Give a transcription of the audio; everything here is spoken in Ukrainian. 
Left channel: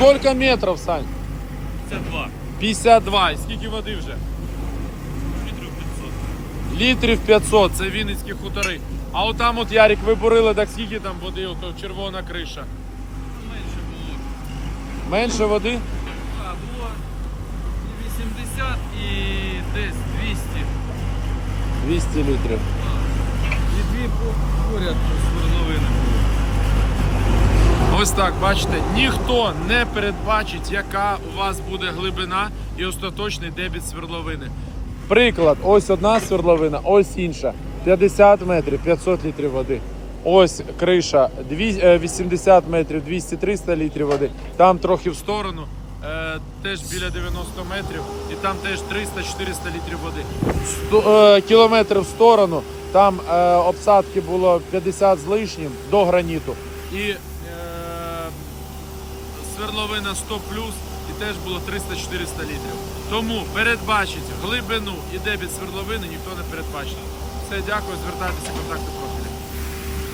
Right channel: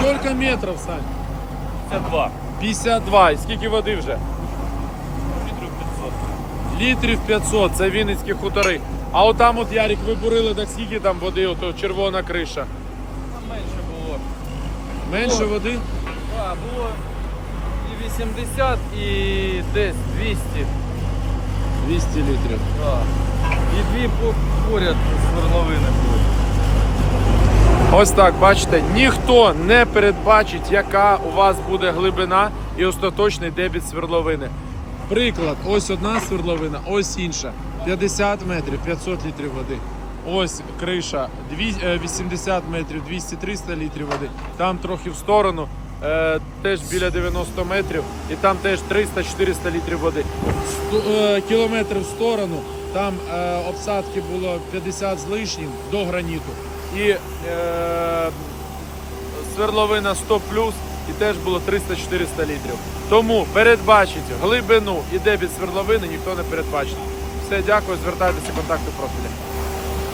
Сколько метрів, Сань? Це два. 52. І скільки води вже? Літрів 500. Літрів 500, це Вінницькі хутори. А отам от Ярик ви бурили, так скільки там води, ото червона криша. Там менше було. Менше води? А, було і 80, і десь 200. 200 літрів. Так. І дві по- поряд свердловини були. Ось так, бачите, ніхто не передбачить, яка у вас буде глибина і остаточний дебіт свердловини. Приклад, ось одна свердловина, ось інша. 50 метрів, 500 літрів води. Ось криша, е, 80 метрів, 200-300 літрів води. Там трохи в сторону, е, теж біля 90 метрів, і там теж 300-400 літрів води. Сто- е, Кілометр в сторону, там е, обсадки було 50 з лишнім до граніту. І е, свердловина 100 плюс, і теж було 300-400 літрів. Тому передбачить глибину і дебіт свердловини ніхто не передбачить. Все, дякую, звертайтеся контакти профілі.